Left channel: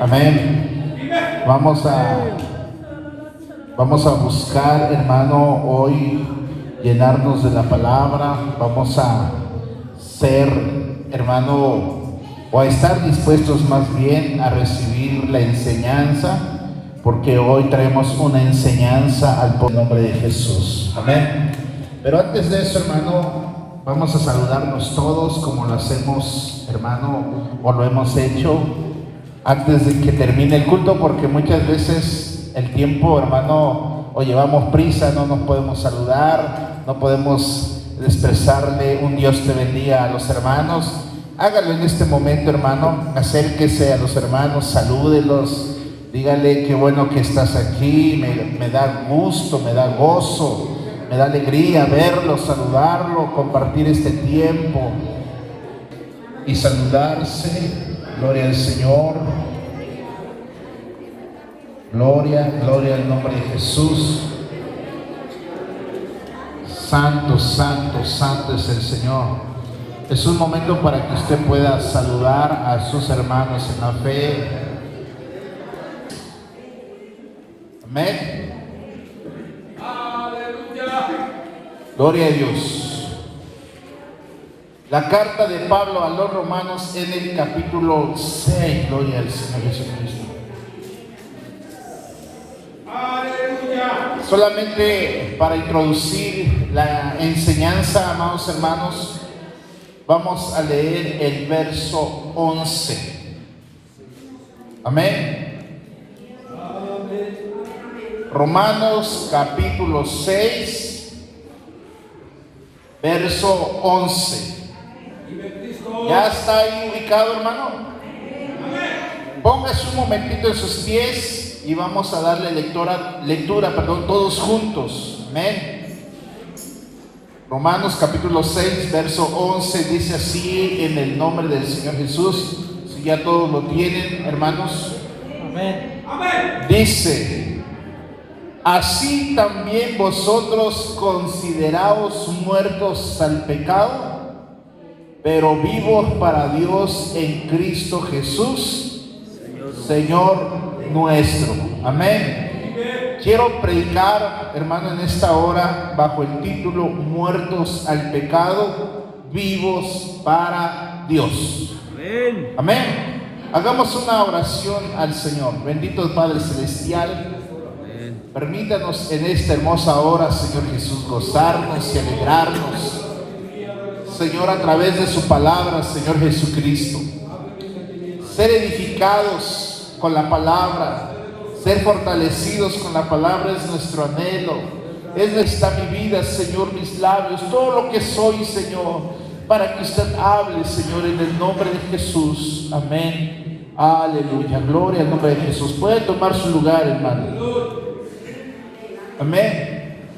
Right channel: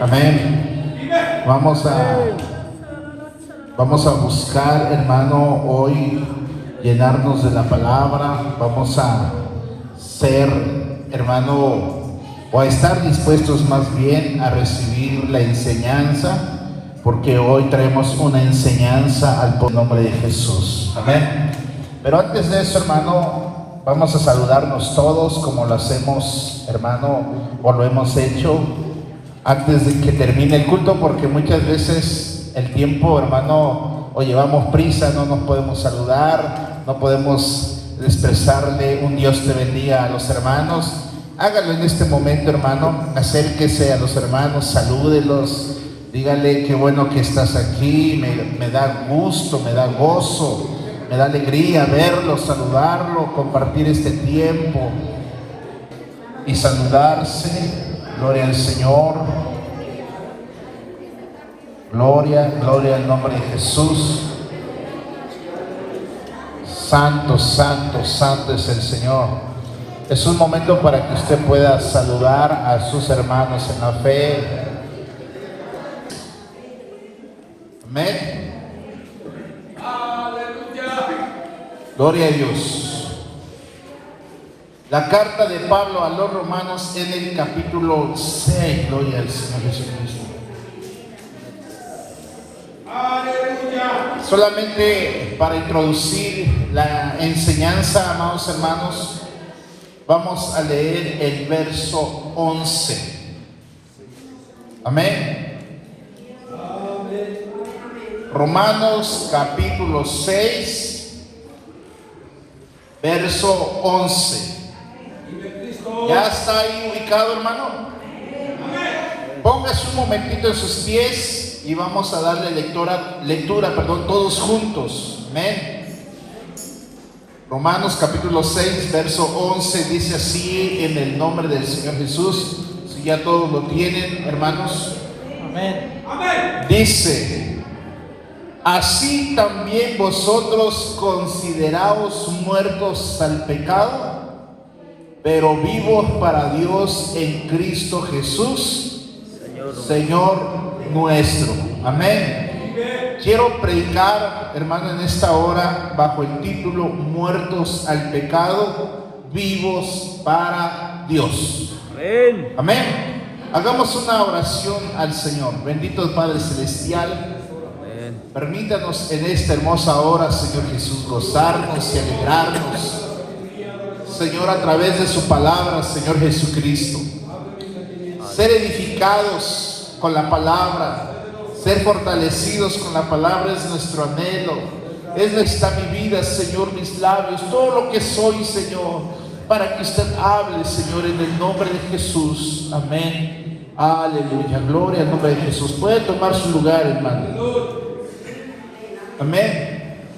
Amén. Vamos a buscar, hermano, hoy llenarnos de la palabra. Vamos a ser, hermano, o a estar dispuestos más bien a recibir la enseñanza, porque hoy traemos una enseñanza al nombre de Jesús. Amén. Pero antes de eso, hermano, vamos a saludarnos todos como lo hacemos, hermano, o lo hemos hecho antes de que termine el culto, porque muchas veces el tiempo, hermano, o llevamos prisa, no nos podemos saludar, no podemos expresarle un Dios te bendiga a los hermanos. Hágalo en este momento, hermano, acérquese a los hermanos, salúdelos, dígale qué bueno que estás aquí, me da gusto, me da gozo, me da alegría verlo, saludarlo, compartir este tiempo y saludarse. Gloria al Señor. Gloria al nombre de Jesús. Santo, santo, santo es el Señor. Es un momento para que usted pueda saludar a sus hermanos en la fe. Amén. Gloria a Dios. La carta de Pablo a los Romanos en el capítulo 6. Gloria al Señor Jesucristo. Solamente para introducir la enseñanza, amados hermanos, vamos a leer el verso 11. Amén. Romanos capítulo 6, verso 11. ¿Ya está ahí ubicado, hermano? Póngase un momentito en sus pies y vamos a darle lectura, todos juntos. Amén. Romanos capítulo 6, verso 11 dice así en el nombre del Señor Jesús. Si ya todos lo tienen, hermanos. Amén. Dice: así también vosotros consideraos muertos al pecado, pero vivos para Dios en Cristo Jesús, Señor nuestro. Amén. Quiero predicar, hermano, en esta hora bajo el título Muertos al pecado, vivos para Dios. Amén. Amén. Hagamos una oración al Señor. Bendito Padre Celestial, permítanos en esta hermosa hora, Señor Jesús, gozarnos y alegrarnos, Señor, a través de su palabra, Señor Jesucristo. Ser edificados con la palabra, ser fortalecidos con la palabra es nuestro anhelo. Está mi vida, Señor, mis labios, todo lo que soy, Señor, para que usted hable, Señor, en el nombre de Jesús. Amén. Aleluya. Gloria al nombre de Jesús. Puede tomar su lugar, hermano. Amén.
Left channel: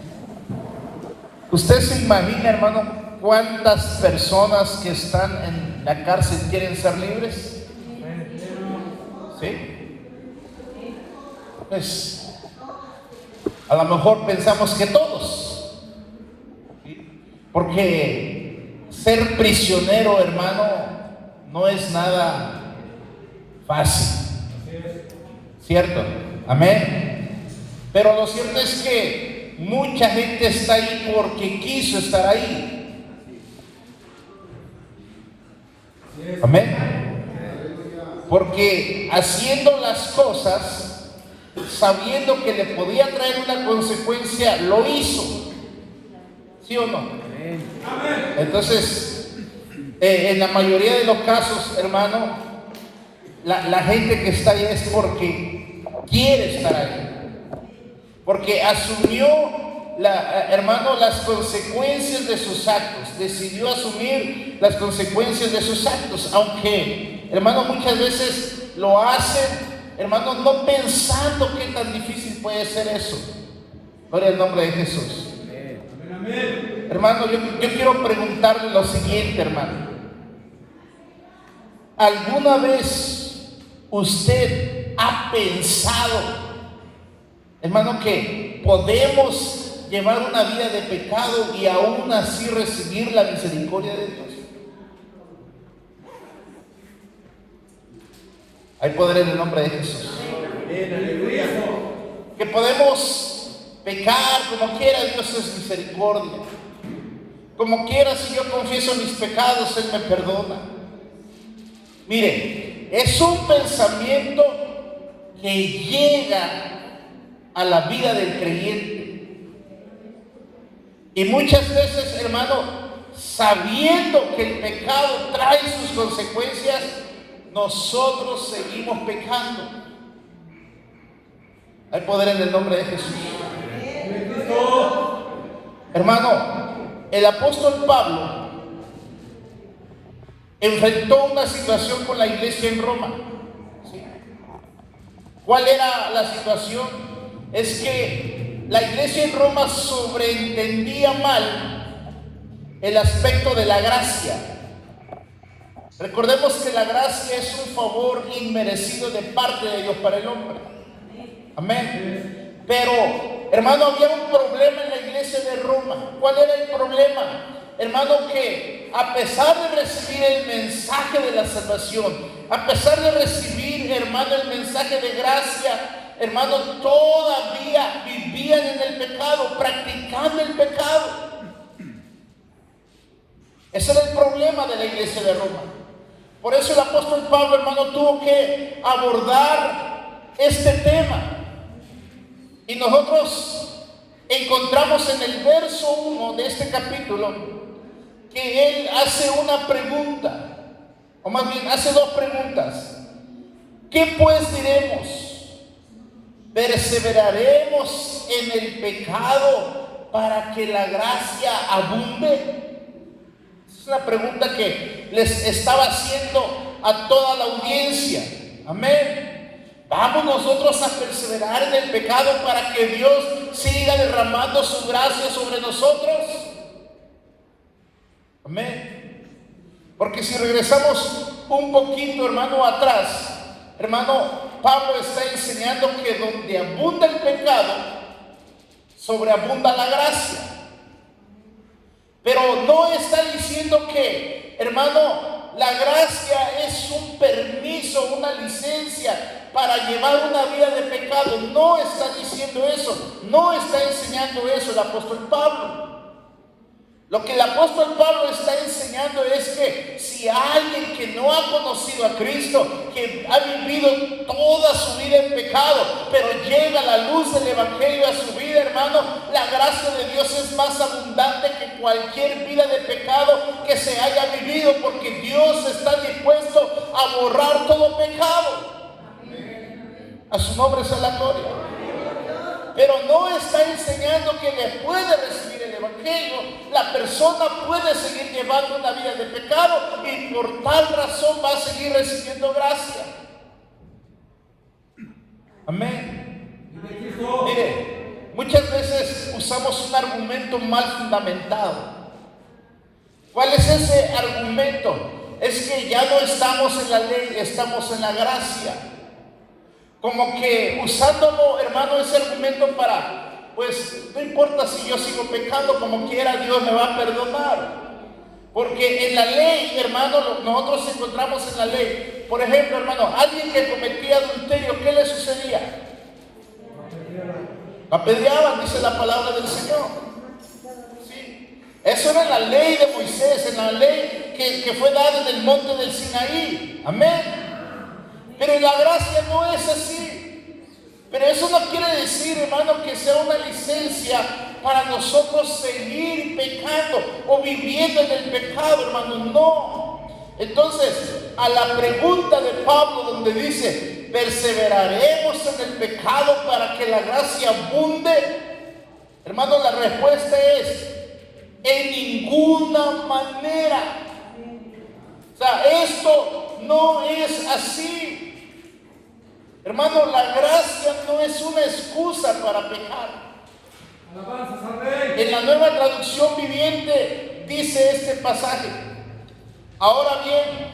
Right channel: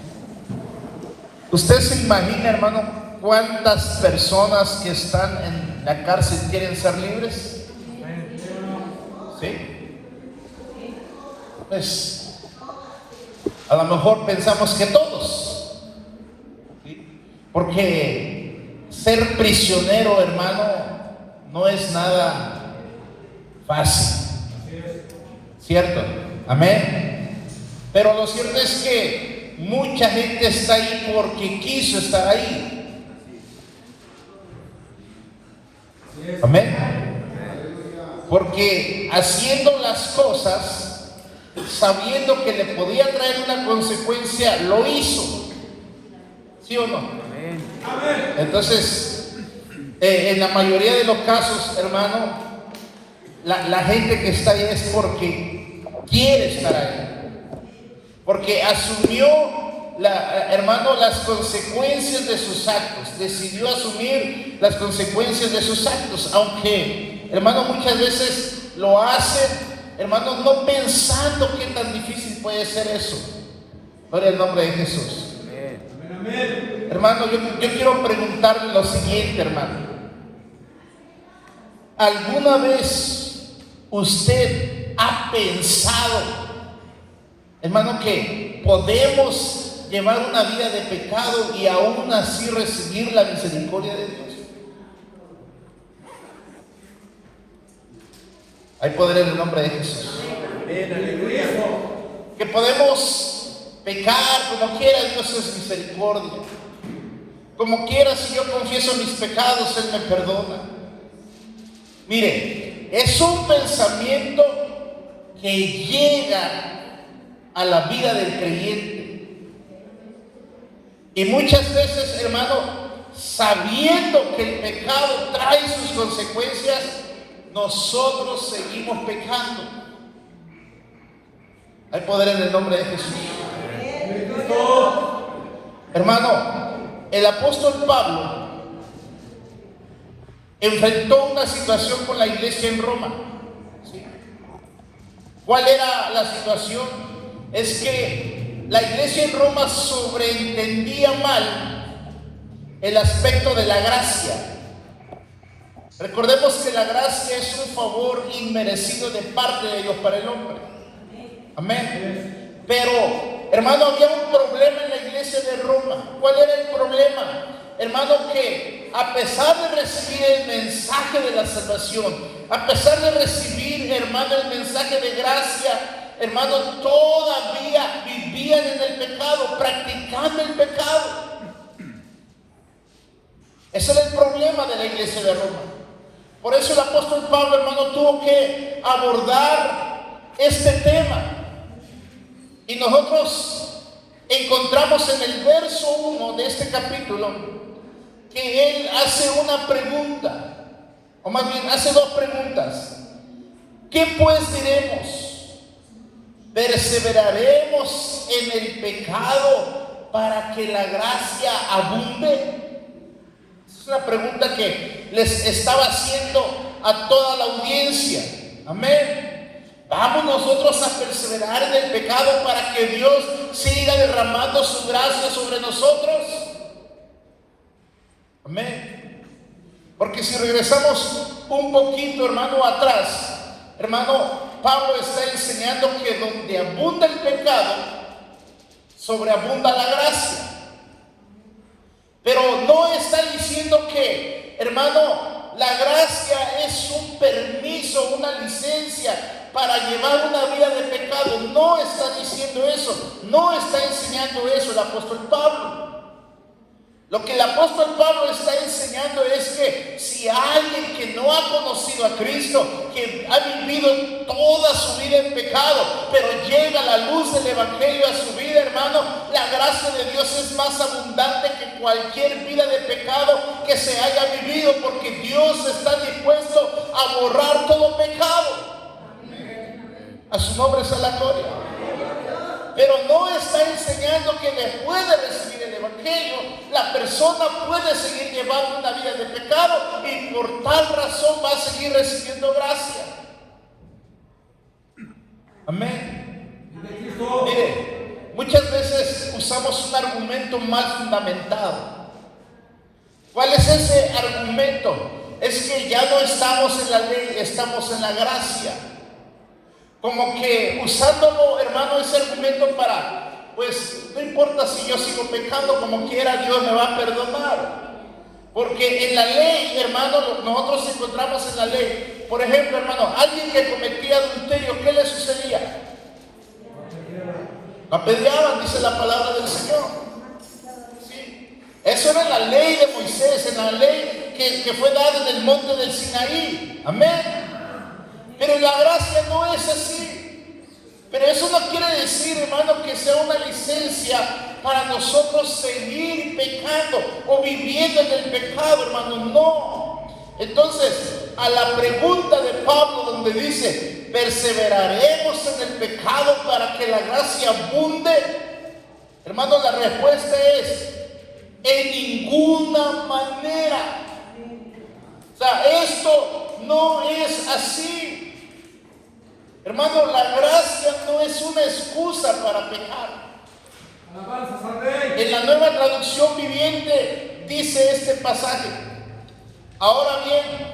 ¿Usted se imagina, hermano, cuántas personas que están en la cárcel quieren ser libres? ¿Sí? Pues a lo mejor pensamos que todos, ¿sí? Porque ser prisionero, hermano, no es nada fácil, ¿cierto? Amén. Pero lo cierto es que mucha gente está ahí porque quiso estar ahí. Amén. Porque haciendo las cosas, sabiendo que le podía traer una consecuencia, lo hizo. ¿Sí o no? Entonces, en la mayoría de los casos, hermano, la gente que está ahí es porque quiere estar ahí. Porque asumió, hermano, las consecuencias de sus actos. Decidió asumir las consecuencias de sus actos. Aunque, hermano, muchas veces lo hacen, hermano, no pensando qué tan difícil puede ser eso. Gloria al nombre de Jesús. Amén. Hermano, yo quiero preguntarle lo siguiente, hermano. ¿Alguna vez usted ha pensado, hermano, que podemos llevar una vida de pecado y aún así recibir la misericordia de Dios? Hay poder en el nombre de Jesús. Que podemos pecar como quiera, Dios es misericordia. Como quiera, si yo confieso mis pecados, Él me perdona. Mire, es un pensamiento que llega a la vida del creyente. Y muchas veces, hermano, sabiendo que el pecado trae sus consecuencias, nosotros seguimos pecando. Hay poder en el nombre de Jesús. Hermano, el apóstol Pablo enfrentó una situación con la iglesia en Roma. ¿Sí? ¿Cuál era la situación? Es que la iglesia en Roma sobreentendía mal el aspecto de la gracia. Recordemos que la gracia es un favor inmerecido de parte de Dios para el hombre. Amén. Pero, hermano, había un problema en la iglesia de Roma. ¿Cuál era el problema? Hermano, que a pesar de recibir el mensaje de la salvación, a pesar de recibir, hermano, el mensaje de gracia, hermano, todavía vivían en el pecado, practicando el pecado. Ese era el problema de la iglesia de Roma. Por eso el apóstol Pablo, hermano, tuvo que abordar este tema. Y nosotros encontramos en el verso 1 de este capítulo que él hace una pregunta, o más bien hace dos preguntas. ¿Qué pues diremos? ¿Perseveraremos en el pecado para que la gracia abunde? Es una pregunta que les estaba haciendo a toda la audiencia. Amén. ¿Vamos nosotros a perseverar en el pecado para que Dios siga derramando su gracia sobre nosotros? Amén. Porque si regresamos un poquito, hermano, atrás, hermano, Pablo está enseñando que donde abunda el pecado, sobreabunda la gracia. Pero no está diciendo que, hermano, la gracia es un permiso, una licencia para llevar una vida de pecado. No está diciendo eso, no está enseñando eso el apóstol Pablo. Lo que el apóstol Pablo está enseñando es que si alguien que no ha conocido a Cristo, que ha vivido toda su vida en pecado, pero llega la luz del evangelio a su vida, hermano, la gracia de Dios es más abundante que cualquier vida de pecado que se haya vivido, porque Dios está dispuesto a borrar todo pecado. A su nombre sea la gloria. Pero no está enseñando que después de recibir el evangelio, la persona puede seguir llevando una vida de pecado y por tal razón va a seguir recibiendo gracia. Amén. Mire, muchas veces usamos un argumento mal fundamentado. ¿Cuál es ese argumento? Es que ya no estamos en la ley, estamos en la gracia. Como que usándolo, hermano, ese argumento para, pues, no importa si yo sigo pecando, como quiera, Dios me va a perdonar. Porque en la ley, hermano, nosotros encontramos en la ley, por ejemplo, hermano, alguien que cometía adulterio, ¿qué le sucedía? Apedreaban, dice la palabra del Señor. ¿Sí? Eso era en la ley de Moisés, en la ley que fue dada en el monte del Sinaí. Amén. Pero la gracia no es así. Pero eso no quiere decir, hermano, que sea una licencia para nosotros seguir pecando o viviendo en el pecado, hermano. No. Entonces, a la pregunta de Pablo donde dice, ¿perseveraremos en el pecado para que la gracia abunde? Hermano, la respuesta es, en ninguna manera. O sea, esto no es así. Hermano, la gracia no es una excusa para pecar. En la Nueva Traducción Viviente dice este pasaje: ahora bien,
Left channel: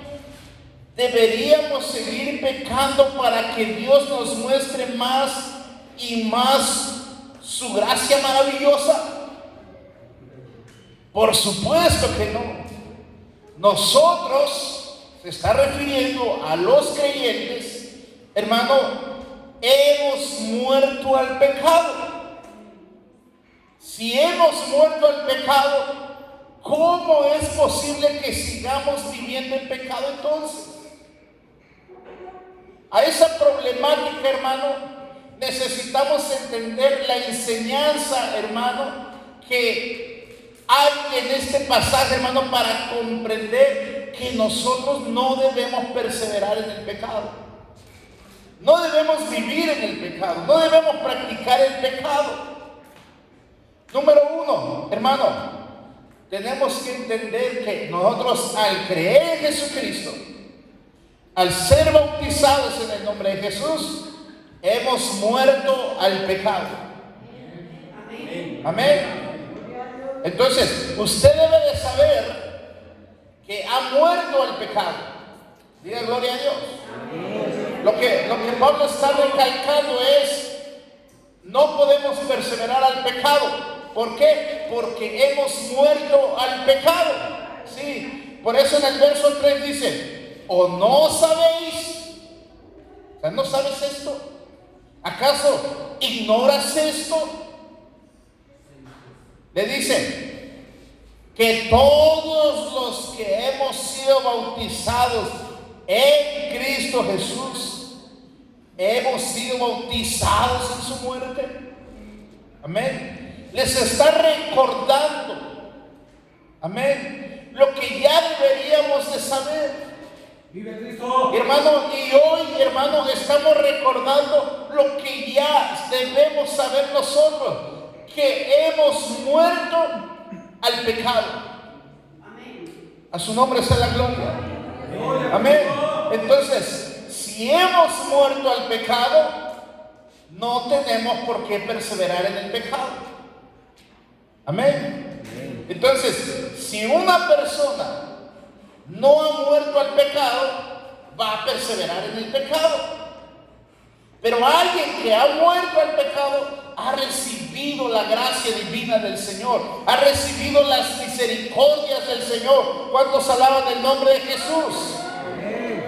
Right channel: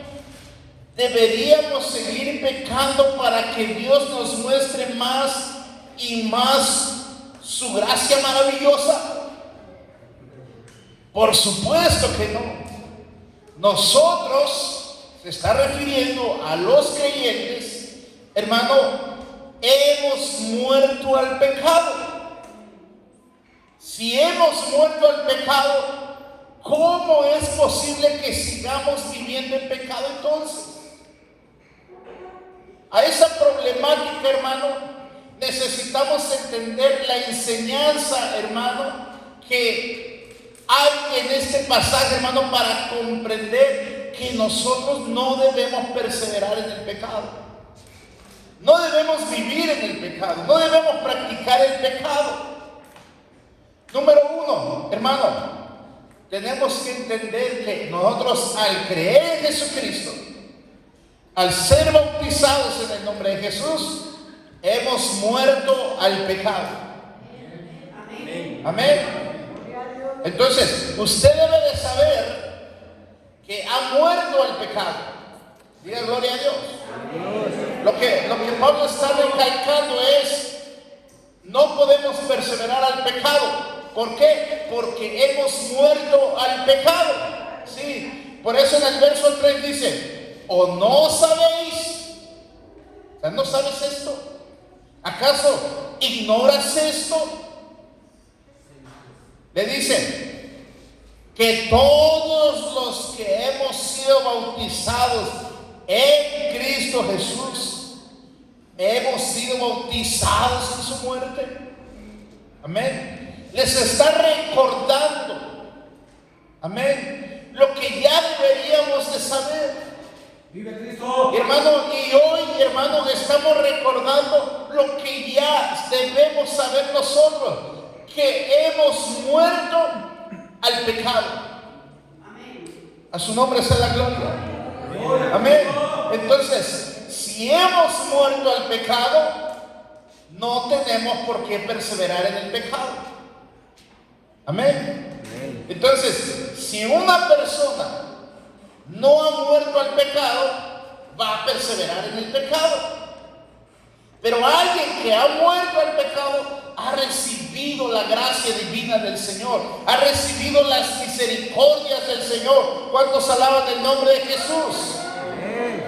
deberíamos seguir pecando para que Dios nos muestre más y más su gracia maravillosa. Por supuesto que no. Nosotros, se está refiriendo a los creyentes, hermano, hemos muerto al pecado. Si hemos muerto al pecado, ¿cómo es posible que sigamos viviendo en pecado entonces? A esa problemática, hermano, necesitamos entender la enseñanza, hermano, que hay en este pasaje, hermano, para comprender que nosotros no debemos perseverar en el pecado. No debemos vivir en el pecado, no debemos practicar el pecado. Número uno, hermano, tenemos que entender que nosotros al creer en Jesucristo, al ser bautizados en el nombre de Jesús, hemos muerto al pecado. Amén. Entonces, usted debe de saber que ha muerto al pecado. Diga gloria a Dios. Lo que Pablo está recalcando es: no podemos perseverar al pecado. ¿Por qué? Porque hemos muerto al pecado. Sí, por eso en el verso 3 dice: ¿o no sabéis? O sea, ¿no sabes esto? ¿Acaso ignoras esto? Le dice que todos los que hemos sido bautizados en Cristo Jesús, hemos sido bautizados en su muerte. Amén. Les está recordando, amén, lo que ya deberíamos de saber. ¡Vive Cristo! Hermano, y hoy, hermano, estamos recordando lo que ya debemos saber nosotros, que hemos muerto al pecado. Amén. A su nombre sea la gloria. Amén. Entonces, si hemos muerto al pecado, no tenemos por qué perseverar en el pecado. Amén. Entonces, si una persona no ha muerto al pecado, va a perseverar en el pecado. Pero alguien que ha muerto al pecado ha recibido la gracia divina del Señor, ha recibido las misericordias del Señor. ¿Cuántos alaban el nombre de Jesús?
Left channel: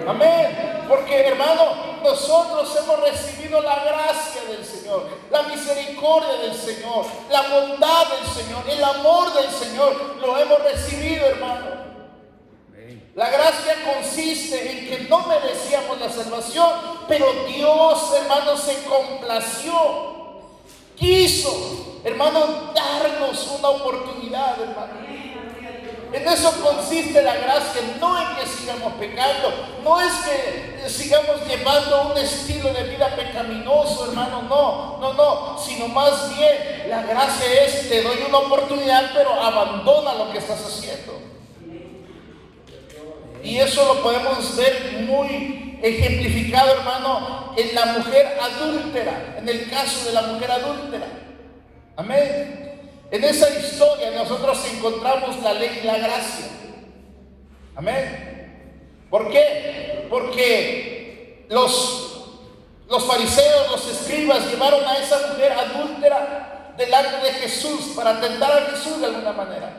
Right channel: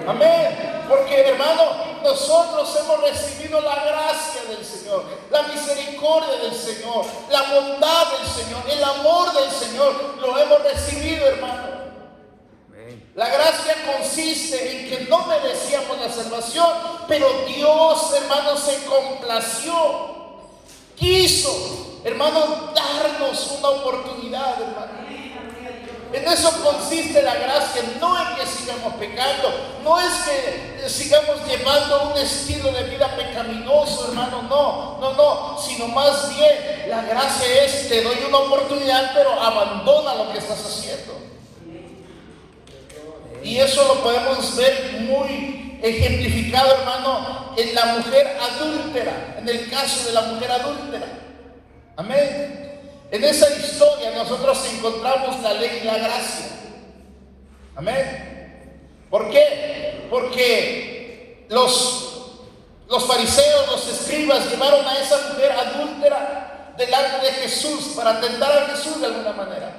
Amén. Porque, hermano, nosotros hemos recibido la gracia del Señor, la misericordia del Señor, la bondad del Señor, el amor del Señor. Lo hemos recibido, hermano. La gracia consiste en que no merecíamos la salvación, pero Dios, hermano, se complació, quiso, hermano, darnos una oportunidad, hermano. En eso consiste la gracia, no en que sigamos pecando, no es que sigamos llevando un estilo de vida pecaminoso, hermano, no, sino más bien la gracia es: te doy una oportunidad, pero abandona lo que estás haciendo. Y eso lo podemos ver muy ejemplificado, hermano, en la mujer adúltera, en el caso de la mujer adúltera. Amén. En esa historia nosotros encontramos la ley y la gracia. Amén. ¿Por qué? Porque los fariseos, los escribas, llevaron a esa mujer adúltera delante de Jesús para tentar a Jesús de alguna manera.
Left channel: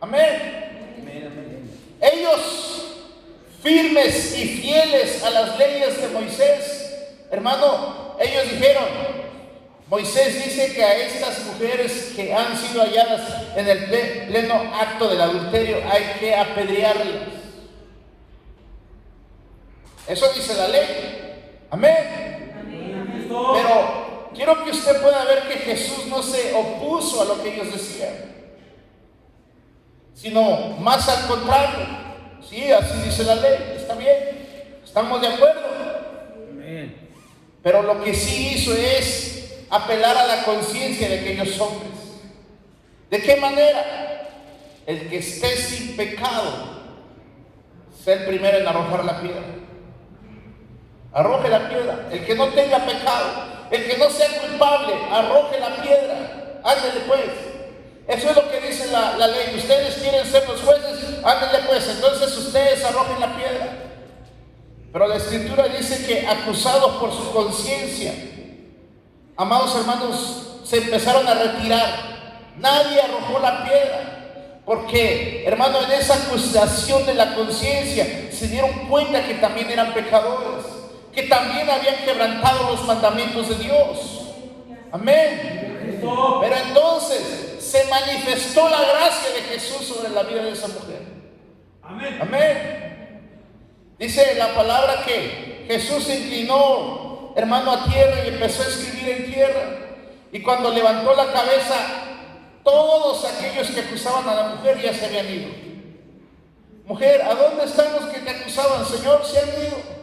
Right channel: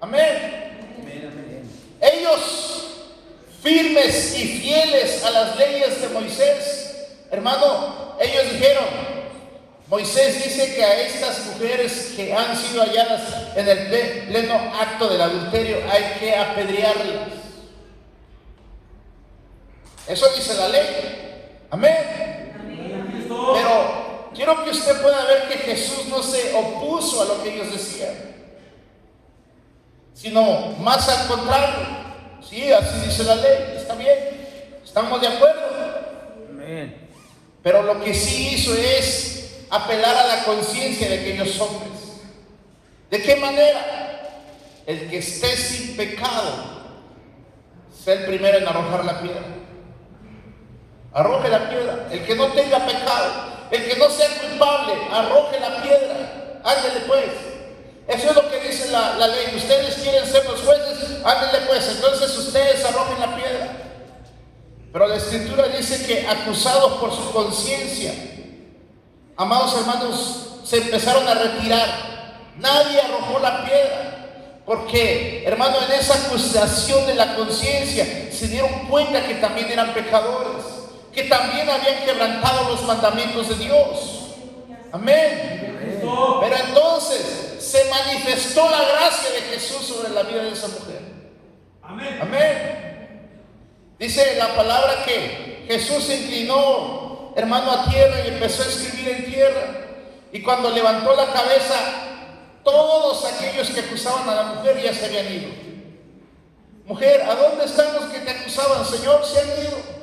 Amén. Ellos, firmes y fieles a las leyes de Moisés, hermano, ellos dijeron: Moisés dice que a estas mujeres que han sido halladas en el pleno acto del adulterio hay que apedrearlas. Eso dice la ley. Amén. Pero quiero que usted pueda ver que Jesús no se opuso a lo que ellos decían, sino más al contrario. Sí, así dice la ley, está bien, estamos de acuerdo. Amén. Pero lo que sí hizo es apelar a la conciencia de aquellos hombres. ¿De qué manera? El que esté sin pecado sea el primero en arrojar la piedra. Arroje la piedra. El que no tenga pecado, el que no sea culpable, arroje la piedra. Ándele pues. Eso es lo que dice la ley. Ustedes quieren ser los jueces, ándele pues. Entonces ustedes arrojen la piedra. Pero la Escritura dice que acusados por su conciencia, amados hermanos, se empezaron a retirar. Nadie arrojó la piedra, porque, hermano, en esa acusación de la conciencia se dieron cuenta que también eran pecadores, que también habían quebrantado los mandamientos de Dios. Amén. Pero entonces se manifestó la gracia de Jesús sobre la vida de esa mujer. Amén. Amén. Dice la palabra que Jesús se inclinó, hermano, a tierra y empezó a escribir en tierra. Y cuando levantó la cabeza, todos aquellos que acusaban a la mujer ya se habían ido. Mujer, ¿a dónde están los que te acusaban? Señor, se han ido.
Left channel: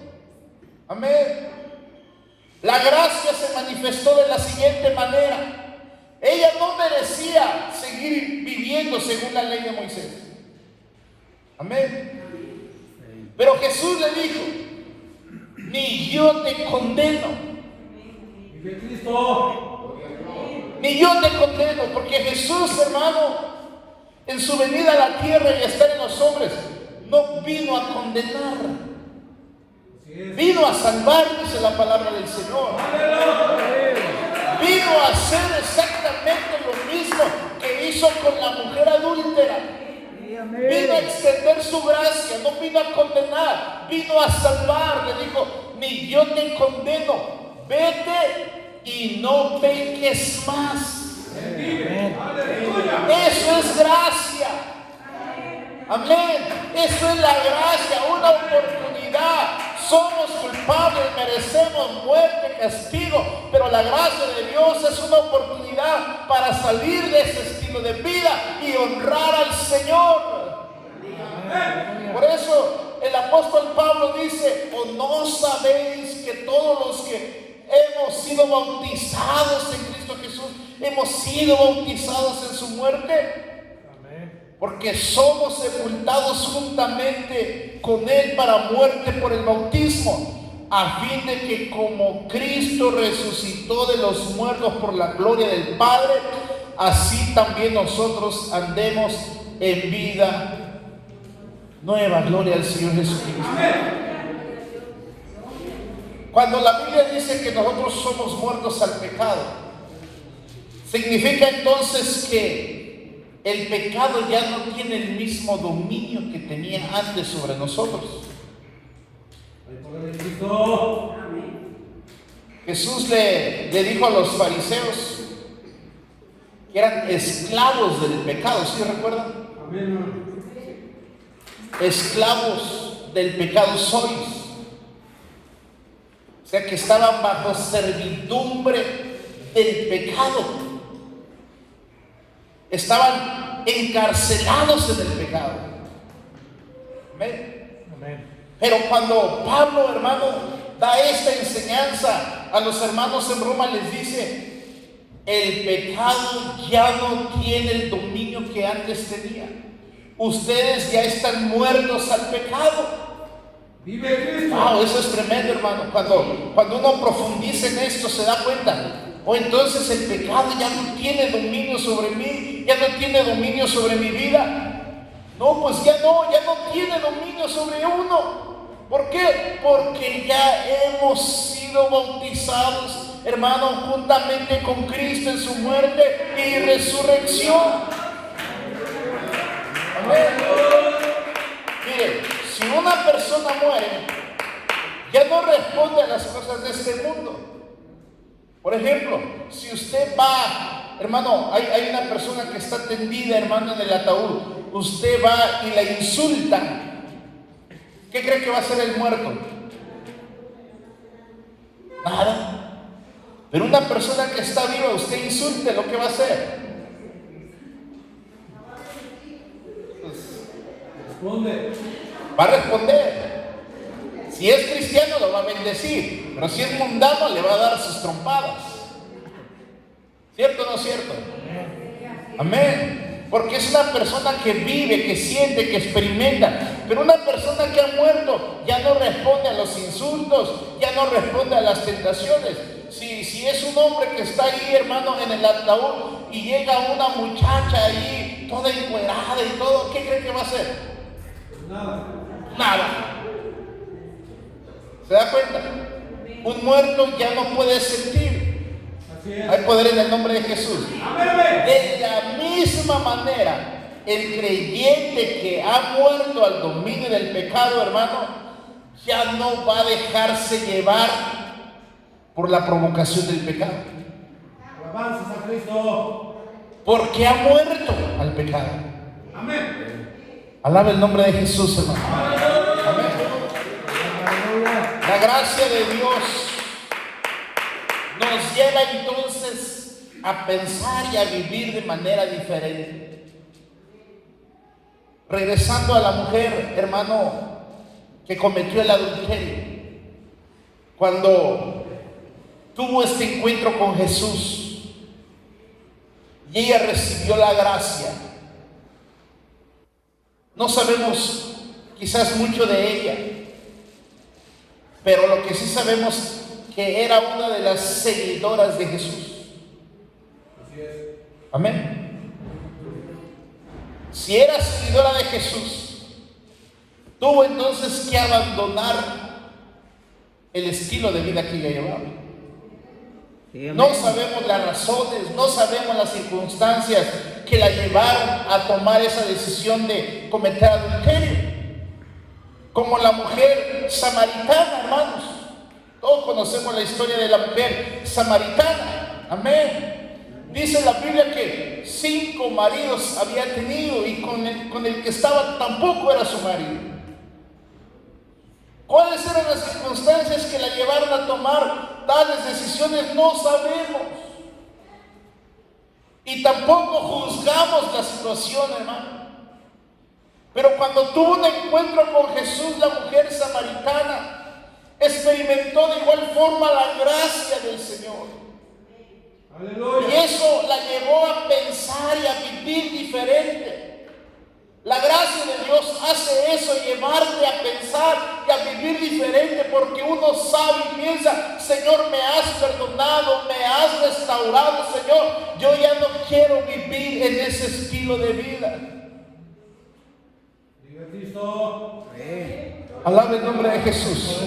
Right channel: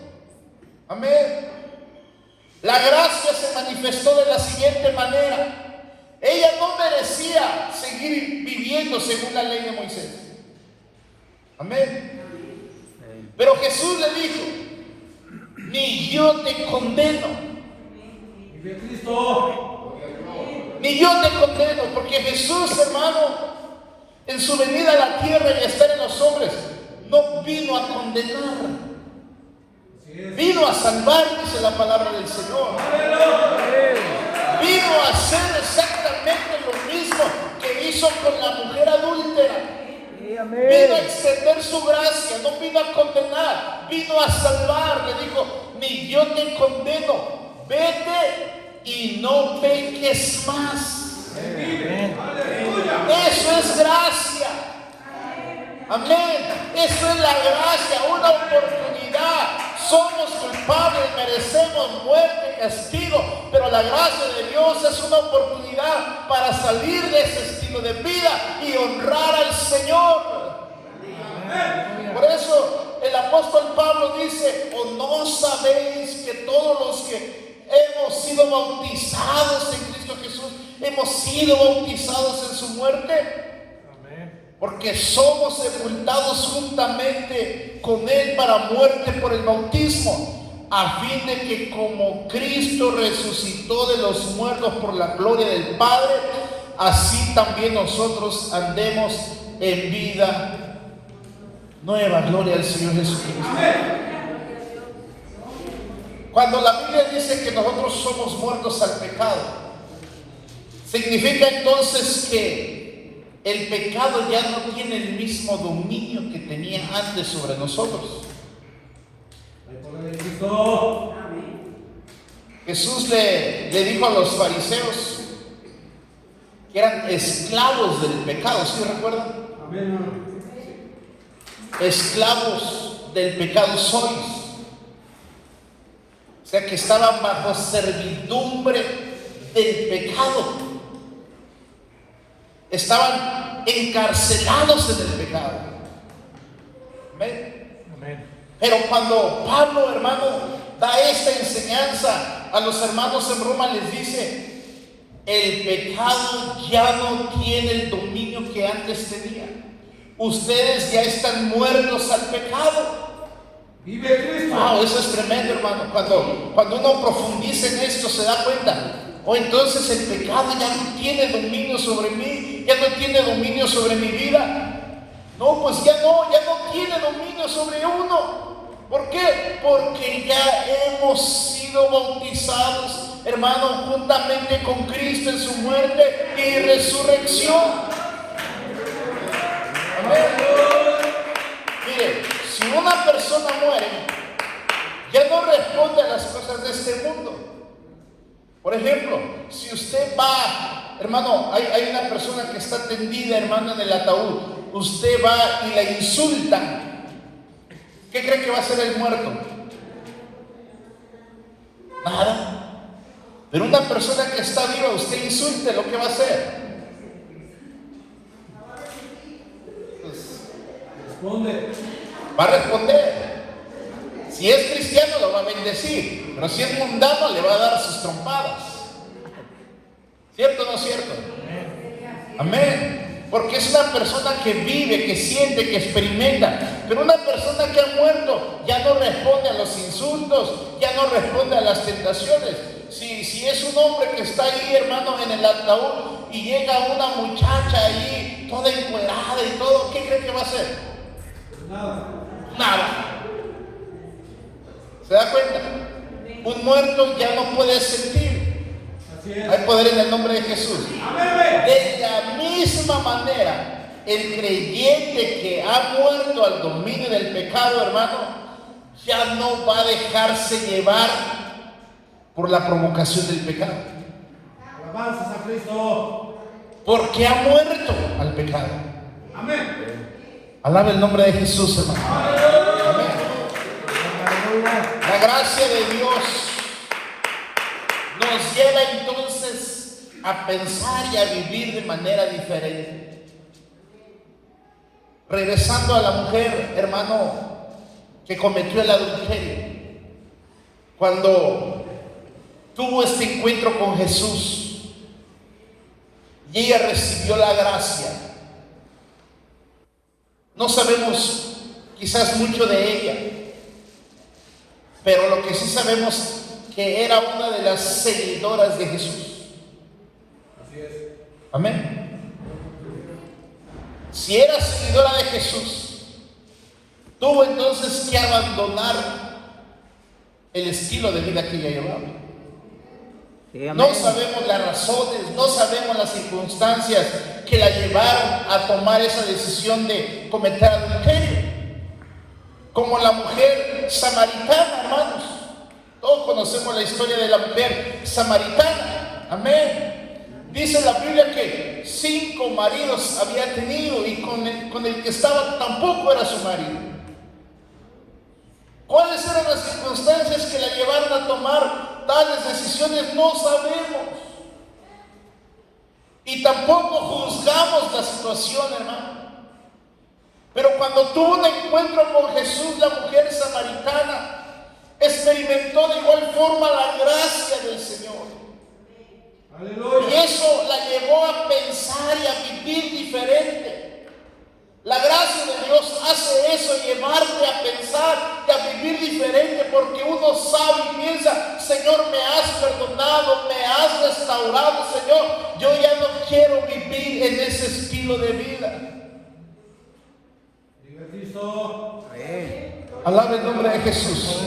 Amén. La gracia se manifestó de la siguiente manera. Ella no merecía seguir viviendo según la ley de Moisés. Amén. Pero Jesús le dijo: ni yo te condeno. Ni yo te condeno, porque Jesús, hermano, en su venida a la tierra y estar en los hombres, no vino a condenar, vino a salvar, dice la palabra del Señor. Vino a hacer exactamente lo mismo que hizo con la mujer adúltera. Vino a extender su gracia, no vino a condenar, vino a salvar. Le dijo: ni yo te condeno, vete y no peques más. Eso es gracia. Amén. Eso es la gracia, una oportunidad. Somos culpables, merecemos muerte, castigo, pero la gracia de Dios es una oportunidad para salir de ese estilo de vida y honrar al Señor. Por eso el apóstol Pablo dice: ¿o no sabéis que todos los que hemos sido bautizados en Cristo Jesús, hemos sido bautizados en su muerte? Porque somos sepultados juntamente con Él para muerte por el bautismo, a fin de que como Cristo resucitó de los muertos por la gloria del Padre, así también nosotros andemos en vida nueva. Gloria al Señor Jesucristo. Cuando la Biblia dice que nosotros somos muertos al pecado, significa entonces que el pecado ya no tiene el mismo dominio que tenía antes sobre nosotros. Jesús le dijo a los fariseos que eran esclavos del pecado, ¿sí recuerdan? Esclavos del pecado sois. O sea que estaban bajo servidumbre del pecado. Estaban encarcelados en el pecado. ¿Amén? Pero cuando Pablo, hermano, da esta enseñanza a los hermanos en Roma, les dice: el pecado ya no tiene el dominio que antes tenía. Ustedes ya están muertos al pecado. Wow, eso es tremendo, hermano. Cuando uno profundiza en esto, se da cuenta: o entonces el pecado ya no tiene dominio sobre mí, ya no tiene dominio sobre mi vida. No, pues ya no tiene dominio sobre uno. ¿Por qué? Porque ya hemos sido bautizados, hermano, juntamente con Cristo en su muerte y resurrección. Amén. Mire, si una persona muere, ya no responde a las cosas de este mundo. Por ejemplo, si usted va, hermano, hay una persona que está tendida, hermano, en el ataúd, usted va y la insulta, ¿qué cree que va a hacer el muerto? Nada. Pero una persona que está viva, usted insulte, ¿lo que va a hacer? Responde. Va a responder. Si es cristiano, lo va a bendecir, pero si es mundano, le va a dar sus trompadas. ¿Cierto o no cierto? Amén. Porque es una persona que vive, que siente, que experimenta. Pero una persona que ha muerto ya no responde a los insultos, ya no responde a las tentaciones. Si es un hombre que está ahí, hermano, en el ataúd, y llega una muchacha ahí, toda encuerada y todo, ¿qué cree que va a hacer? Nada. ¿Se da cuenta? Un muerto ya no puede sentir. Hay poder en el nombre de Jesús. De la misma manera, el creyente que ha muerto al dominio del pecado, hermano, ya no va a dejarse llevar por la provocación del pecado. Alabanzas a Cristo. Porque ha muerto al pecado. Amén. Alaba el nombre de Jesús, hermano. Amén. La gracia de Dios nos lleva entonces a pensar y a vivir de manera diferente. Regresando a la mujer, hermano, que cometió el adulterio, cuando tuvo este encuentro con Jesús y ella recibió la gracia. No sabemos quizás mucho de ella, pero lo que sí sabemos que era una de las seguidoras de Jesús. Así es. Amén. Si era seguidora de Jesús, tuvo entonces que abandonar el estilo de vida que ella llevaba. No sabemos las razones, no sabemos las circunstancias que la llevaron a tomar esa decisión de cometer adulterio. Como la mujer samaritana, hermanos. Todos conocemos la historia de la mujer samaritana. Amén. Dice la Biblia que 5 maridos había tenido y con el que estaba tampoco era su marido. ¿Cuáles eran las circunstancias que la llevaron a tomar tales decisiones? No sabemos. Y tampoco juzgamos la situación, hermano. Pero cuando tuvo un encuentro con Jesús, la mujer samaritana experimentó de igual forma la gracia del Señor. Aleluya. Y eso la llevó a pensar y a vivir diferente. La gracia de Dios hace eso, llevarte a pensar y a vivir diferente, porque uno sabe y piensa: Señor, me has perdonado, me has restaurado, Señor, yo ya no quiero vivir en ese estilo de vida. Viva Cristo. Alaba el nombre de Jesús.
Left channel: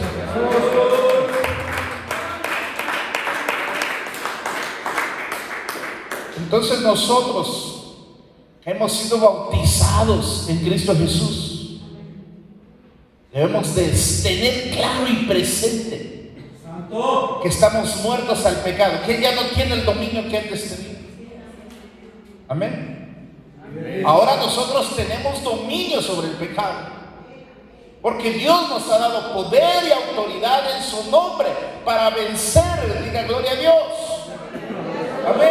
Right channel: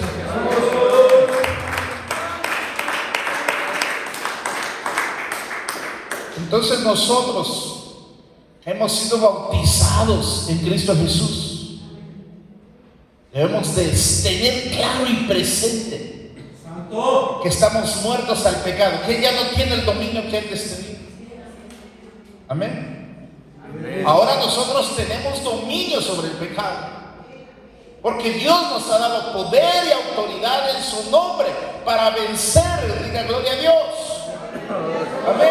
Entonces nosotros hemos sido bautizados en Cristo Jesús. Debemos de tener claro y presente Santo. que estamos muertos al pecado, que ya no tiene el dominio que antes tenía. Amén. Ahora nosotros tenemos dominio sobre el pecado, porque Dios nos ha dado poder y autoridad en su nombre para vencer. Diga gloria a Dios. Amén.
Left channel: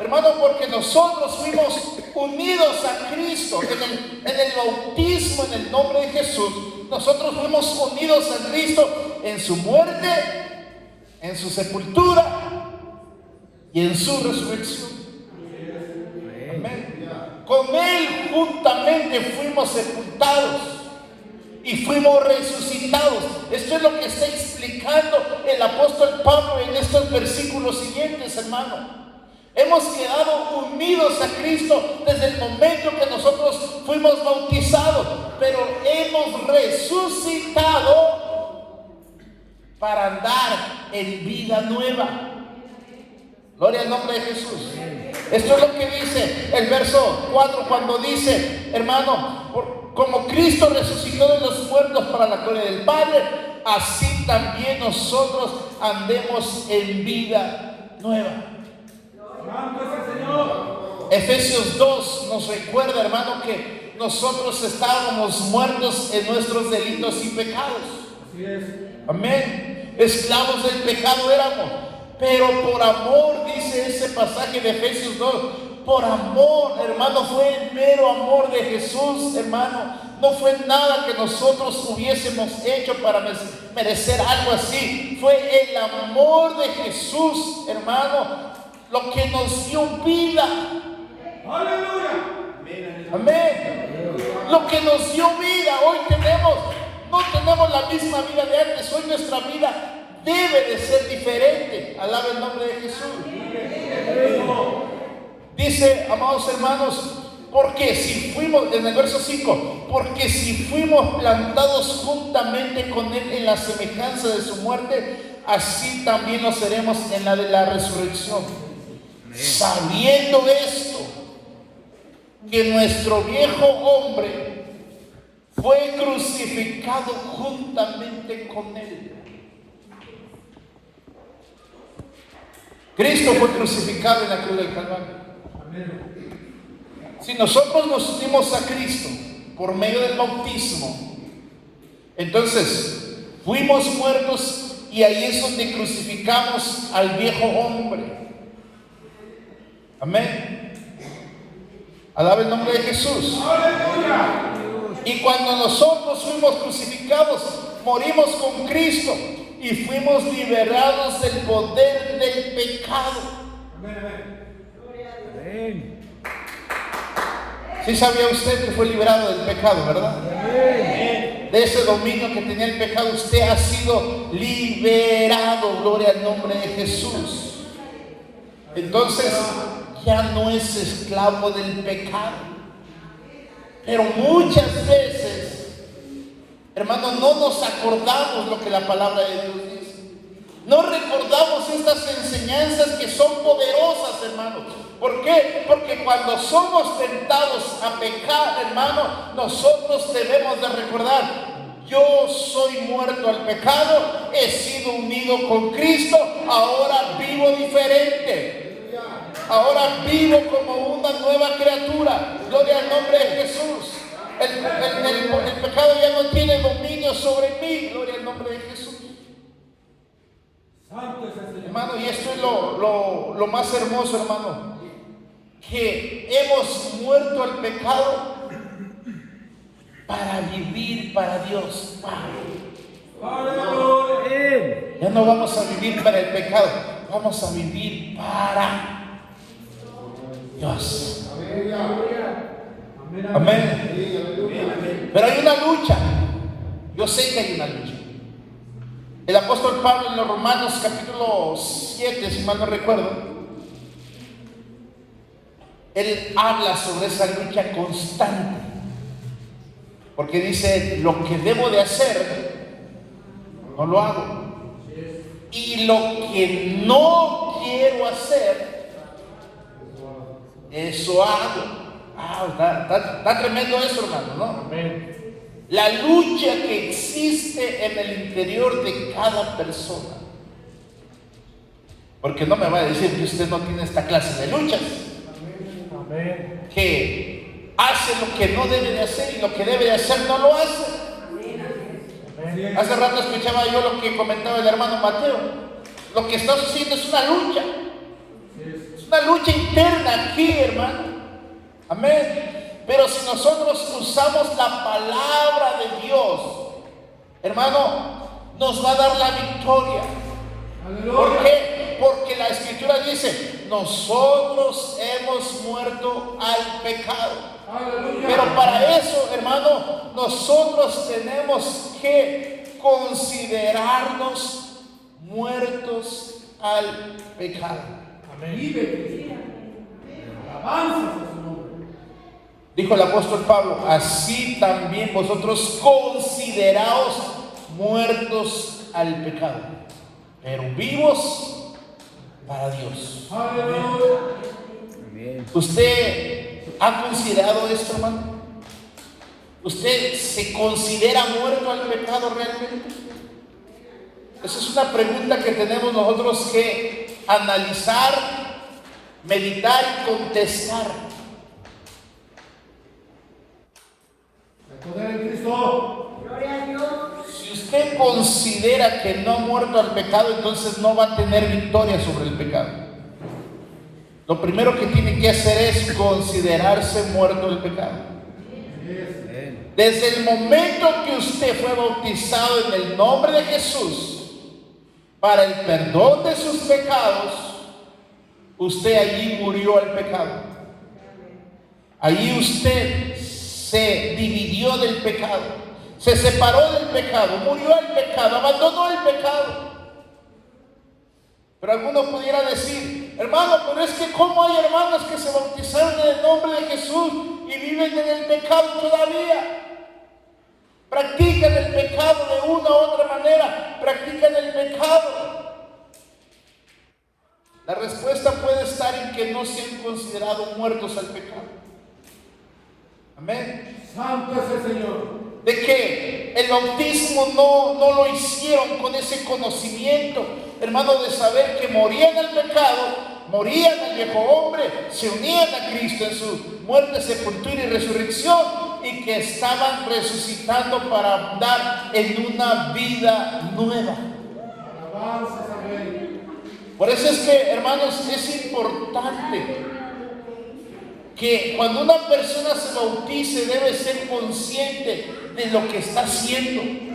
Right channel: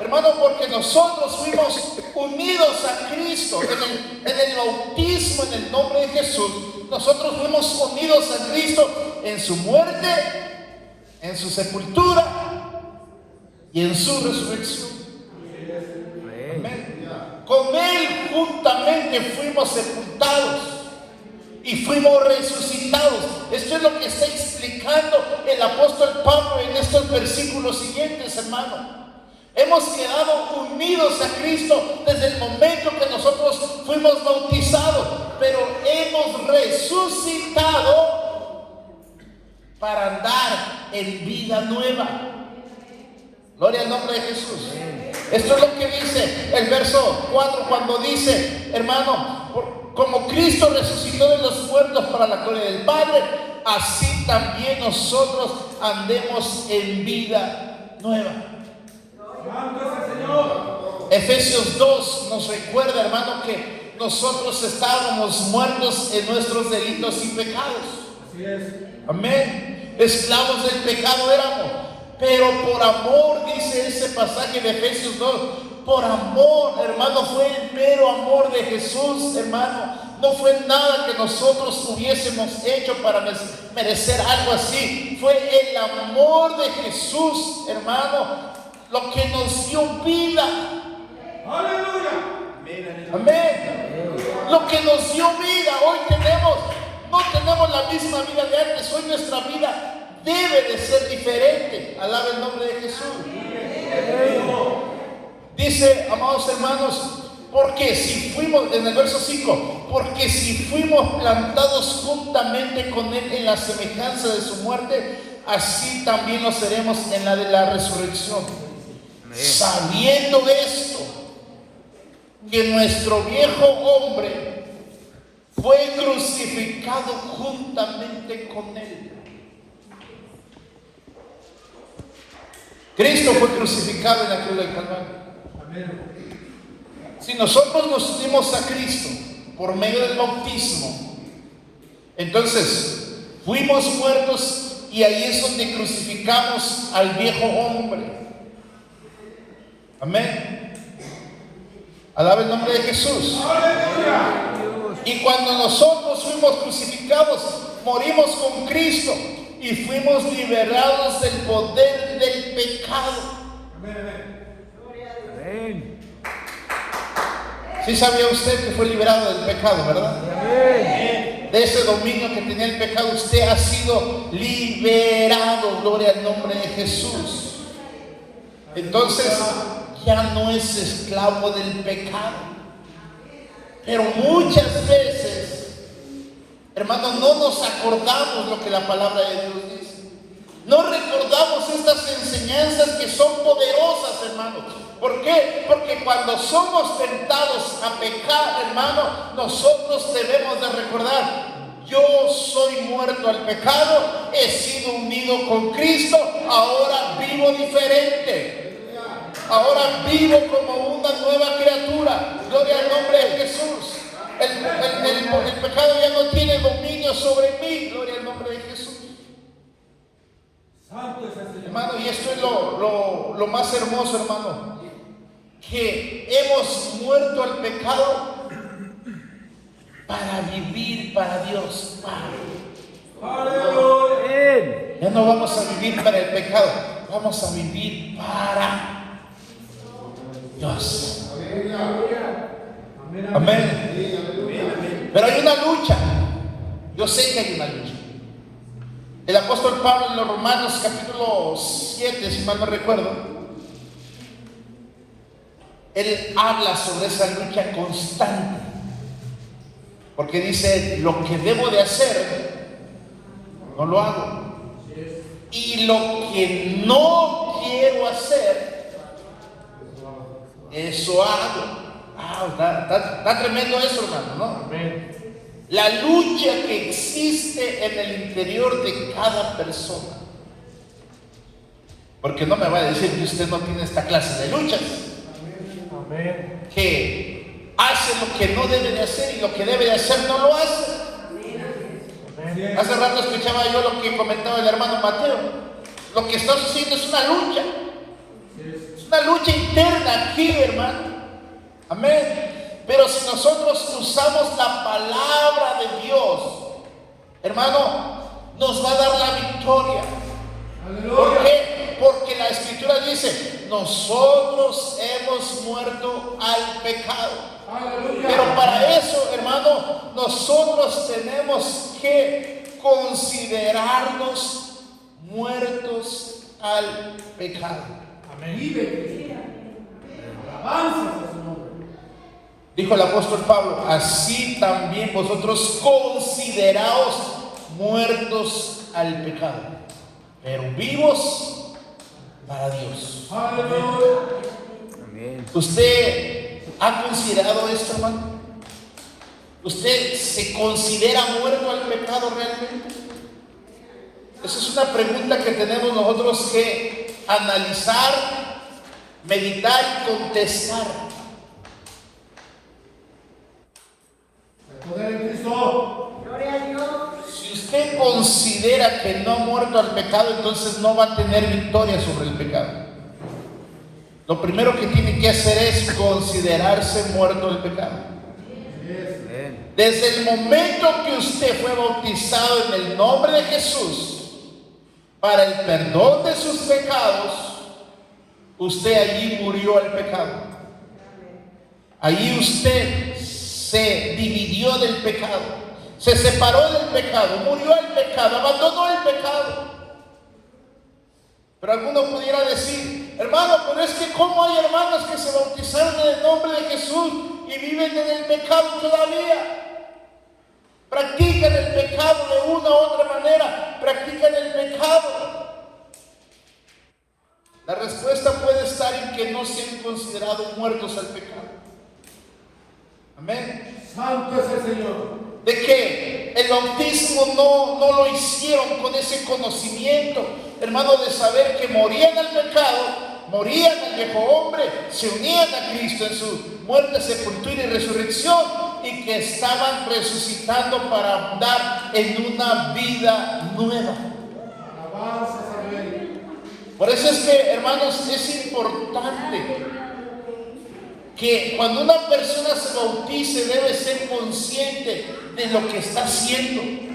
Hermano, porque nosotros fuimos unidos a Cristo en el bautismo, en el nombre de Jesús. Nosotros fuimos unidos a Cristo en su muerte, en su sepultura y en su resurrección. Amén. Con Él juntamente fuimos sepultados y fuimos resucitados. Esto es lo que está explicando el apóstol Pablo en estos versículos siguientes, hermano. Hemos quedado unidos a Cristo desde el momento que nosotros fuimos bautizados, pero hemos resucitado para andar en vida nueva. Gloria al nombre de Jesús. Esto es lo que dice el verso 4 cuando dice: hermano, como Cristo resucitó de los muertos para la gloria del Padre, así también nosotros andemos en vida nueva. Efesios 2 nos recuerda, hermano, que nosotros estábamos muertos en nuestros delitos y pecados. Así es. Amén. Esclavos del pecado éramos, pero por amor, dice ese pasaje de Efesios 2, por amor, hermano, fue el mero amor de Jesús, hermano. No fue nada que nosotros hubiésemos hecho para merecer algo así. Fue el amor de Jesús, hermano, lo que nos dio vida. Aleluya. Amén. Lo que nos dio vida. Hoy no tenemos la misma vida de antes. Hoy nuestra vida debe de ser diferente. Alaba el nombre de Jesús. Dice, amados hermanos, porque si fuimos, en el verso 5, porque si fuimos plantados juntamente con Él en la semejanza de su muerte, así también lo seremos en la de la resurrección. Sabiendo de esto, que nuestro viejo hombre fue crucificado juntamente con Él. Cristo fue crucificado en la cruz del Calvario. Si nosotros nos unimos a Cristo por medio del bautismo, entonces fuimos muertos y ahí es donde crucificamos al viejo hombre. Amén. Alaba el nombre de Jesús. Y cuando nosotros fuimos crucificados, morimos con Cristo y fuimos liberados del poder del pecado. ¿Sí sabía usted que fue liberado del pecado, verdad? De ese dominio que tenía el pecado, usted ha sido liberado. Gloria al nombre de Jesús. Entonces ya no es esclavo del pecado. Pero muchas veces, hermanos, no nos acordamos lo que la palabra de Dios dice. No recordamos estas enseñanzas que son poderosas, hermanos. ¿Por qué? Porque cuando somos tentados a pecar, hermano, nosotros debemos de recordar: yo soy muerto al pecado, he sido unido con Cristo, ahora vivo diferente. Ahora vivo como una nueva criatura. Gloria al nombre de Jesús. El pecado ya no tiene dominio sobre mí. Gloria al nombre de Jesús. Hermano, y esto es lo más hermoso, hermano, que hemos muerto al pecado para vivir para Dios. Ya no vamos a vivir para el pecado, vamos a vivir para Dios. Amén. Pero hay una lucha. Yo sé que hay una lucha. El apóstol Pablo en los Romanos capítulo 7, si mal no recuerdo, él habla sobre esa lucha constante. Porque dice: lo que debo de hacer, no lo hago. Y lo que no quiero hacer, eso hago. Está tremendo eso, hermano, ¿no? La lucha que existe en el interior de cada persona. Porque no me va a decir que usted no tiene esta clase de luchas. Que hace lo que no debe de hacer y lo que debe de hacer no lo hace. Hace rato escuchaba yo lo que comentaba el hermano Mateo. Lo que está sucediendo es una lucha. Es una lucha interna aquí, hermano. Amén. Pero si nosotros usamos la palabra de Dios, hermano, nos va a dar la victoria. ¿Por qué? Porque la Escritura dice: nosotros hemos muerto al pecado. Pero para eso, hermano, nosotros tenemos que considerarnos muertos al pecado. Dijo el apóstol Pablo: así también vosotros consideraos muertos al pecado, pero vivos para Dios. ¿Usted ha considerado esto, hermano? ¿Usted se considera muerto al pecado realmente? Esa es una pregunta que tenemos nosotros que analizar, meditar y contestar. Si usted considera que no ha muerto al pecado, entonces no va a tener victoria sobre el pecado. Lo primero que tiene que hacer es considerarse muerto al pecado. Desde el momento que usted fue bautizado en el nombre de Jesús para el perdón de sus pecados, usted allí murió al pecado. Allí usted se dividió del pecado, se separó del pecado, murió al pecado, abandonó el pecado. Pero alguno pudiera decir: hermano, pero es que ¿cómo hay hermanos que se bautizaron en el nombre de Jesús y viven en el pecado todavía? Practican el pecado de una u otra manera, practican el pecado. La respuesta puede estar en que no se han considerado muertos al pecado. Amén. Santo es el Señor. de que el bautismo no lo hicieron con ese conocimiento, hermano, de saber que morían al pecado, morían al viejo hombre, se unían a Cristo en su muerte, sepultura y resurrección, y que estaban resucitando para andar en una vida nueva. Alabanzas al Rey. Por eso es que, hermanos, es importante que cuando una persona se bautice debe ser consciente de lo que está haciendo.